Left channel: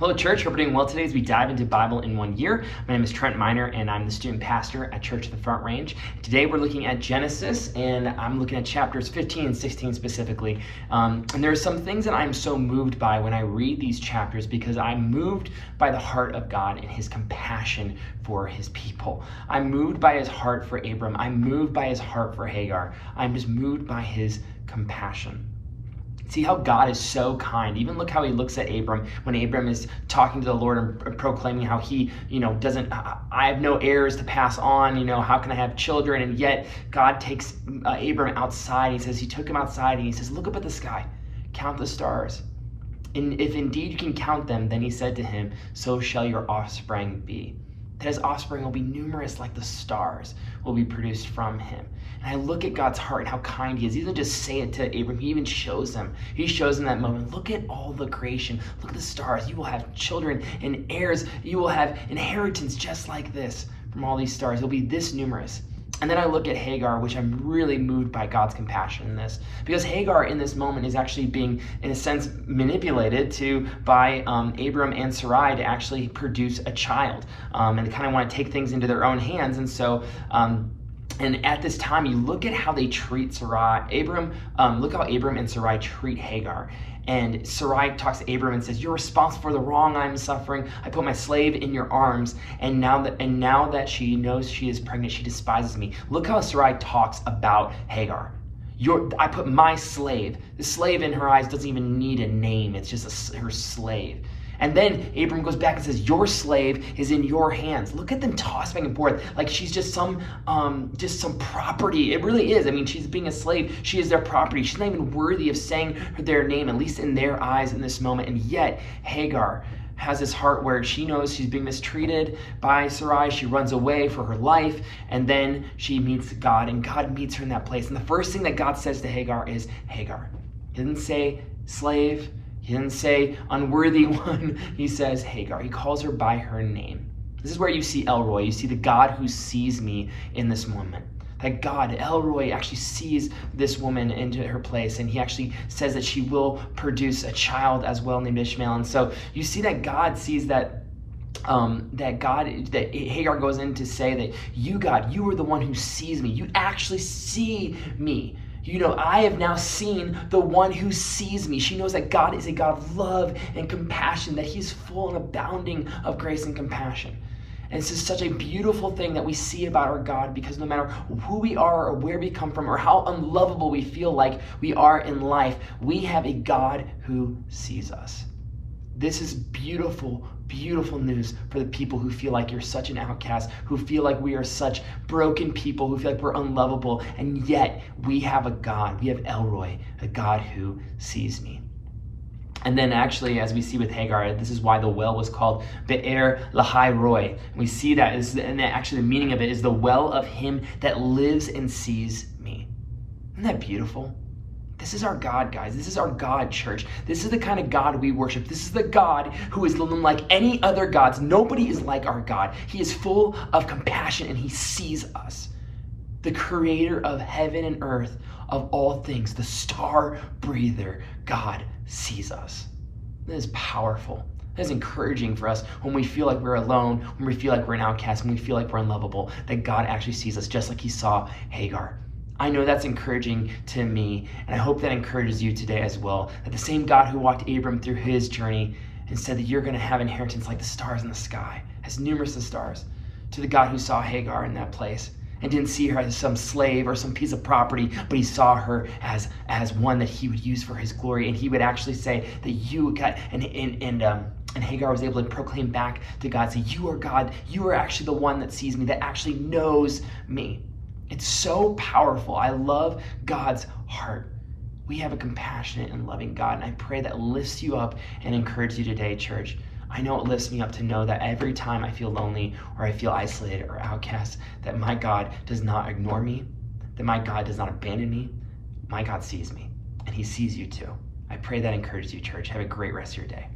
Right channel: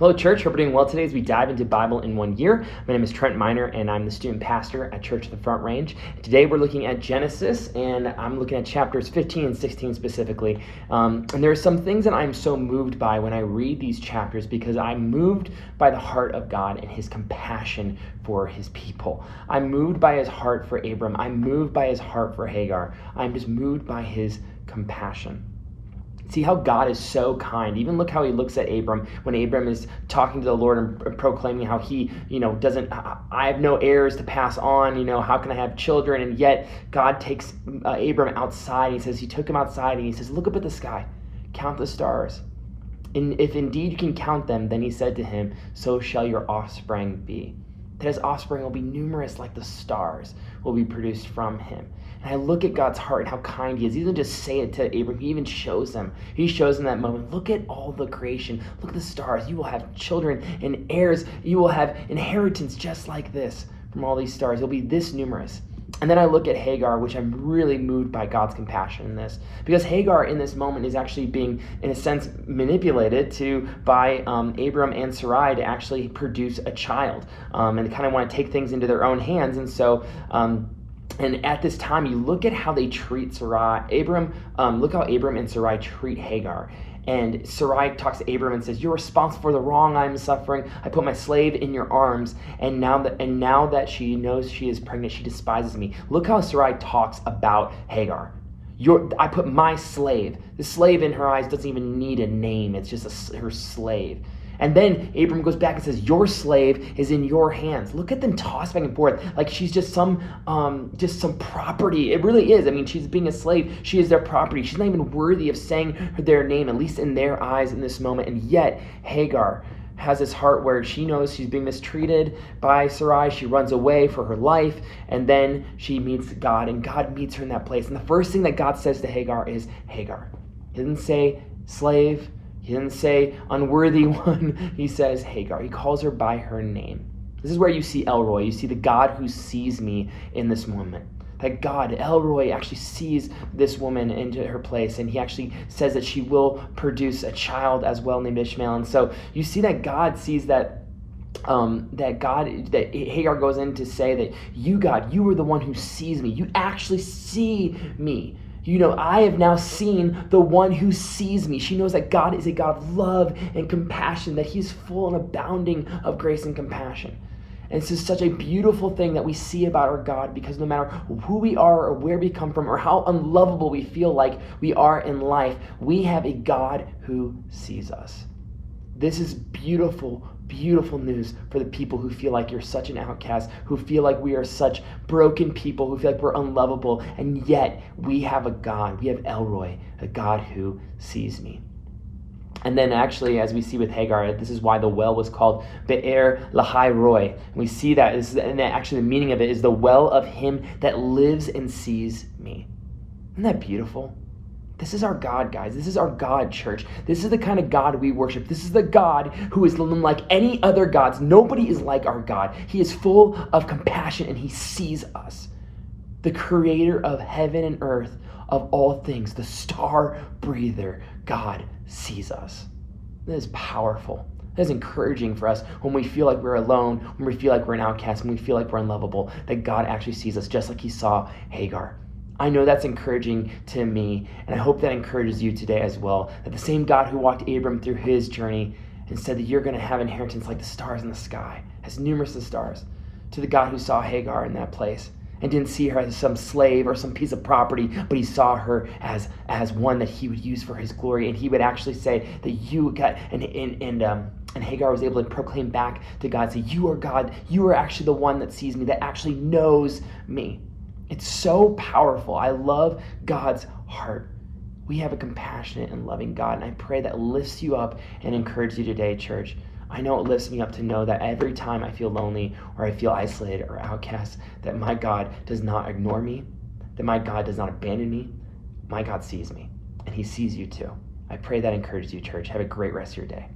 Hello, church. Hope you're doing well today as we dive into Bible in 1 year. My name is Trent Miner, and I'm the student pastor at Church of the Front Range. Today, we're looking at Genesis, and I'm looking at chapters 15 and 16 specifically. And there are some things that I'm so moved by when I read these chapters because I'm moved by the heart of God and his compassion for his people. I'm moved by his heart for Abram. I'm moved by his heart for Hagar. I'm just moved by his compassion. See how God is so kind. Even look how he looks at Abram when Abram is talking to the Lord and proclaiming how he, I have no heirs to pass on, how can I have children? And yet God takes Abram outside. He says, he took him outside and he says, look up at the sky, count the stars. And if indeed you can count them, then he said to him, so shall your offspring be. That his offspring will be numerous like the stars will be produced from him. And I look at God's heart and how kind he is. He doesn't just say it to Abram, he even shows him. He shows in that moment, look at all the creation. Look at the stars. You will have children and heirs. You will have inheritance just like this from all these stars. It'll be this numerous. And then I look at Hagar, which I'm really moved by God's compassion in this. Because Hagar in this moment is actually being, in a sense, manipulated by Abram and Sarai to actually produce a child. And they kind of want to take things into their own hands. And so, and at this time, you look at how they treat Sarai. Look how Abram and Sarai treat Hagar. And Sarai talks to Abram and says, you're responsible for the wrong I'm suffering. I put my slave in your arms. And now that she knows she is pregnant, she despises me. Look how Sarai talks about Hagar. I put my slave. The slave in her eyes doesn't even need a name. It's just her slave. And then Abram goes back and says, your slave is in your hands. Look at them toss back and forth like she's just some property. It really is. I mean, she's being a slave. She is their property. She's not even worthy of saying their name, at least in their eyes in this moment. And yet Hagar has this heart where she knows she's being mistreated by Sarai. She runs away for her life, and then she meets God, and God meets her in that place. And the first thing that God says to Hagar is, Hagar. He didn't say slave. He didn't say unworthy one. He says Hagar. He calls her by her name. This is where you see El Roi. You see the God who sees me in this moment. That God, El Roi, actually sees this woman into her place, and he actually says that she will produce a child as well named Ishmael. And so you see that God sees that Hagar goes in to say that you, God, you are the one who sees me. You actually see me. I have now seen the one who sees me. She knows that God is a God of love and compassion, that he's full and abounding of grace and compassion. And this is such a beautiful thing that we see about our God, because no matter who we are or where we come from or how unlovable we feel like we are in life, we have a God who sees us. This is beautiful, beautiful news for the people who feel like you're such an outcast, who feel like we are such broken people, who feel like we're unlovable, and yet we have a God. We have El Roi, a God who sees me. And then actually, as we see with Hagar, this is why the well was called Be'er Lahai Roi. And we see that, and actually the meaning of it is the well of him that lives and sees me. Isn't that beautiful? This is our God, guys. This is our God, church. This is the kind of God we worship. This is the God who is unlike any other gods. Nobody is like our God. He is full of compassion and he sees us. The creator of heaven and earth, of all things, the star breather, God sees us. That is powerful. That is encouraging for us when we feel like we're alone, when we feel like we're an outcast, when we feel like we're unlovable, that God actually sees us just like he saw Hagar. I know that's encouraging to me, and I hope that encourages you today as well, that the same God who walked Abram through his journey and said that you're going to have inheritance like the stars in the sky, as numerous as stars, to the God who saw Hagar in that place and didn't see her as some slave or some piece of property, but he saw her as one that he would use for his glory, and he would actually say that you got, and Hagar was able to proclaim back to God, say, you are God, you are actually the one that sees me, that actually knows me. It's so powerful. I love God's heart. We have a compassionate and loving God, and I pray that lifts you up and encourages you today, church. I know it lifts me up to know that every time I feel lonely or I feel isolated or outcast, that my God does not ignore me, that my God does not abandon me. My God sees me, and he sees you too. I pray that encourages you, church. Have a great rest of your day.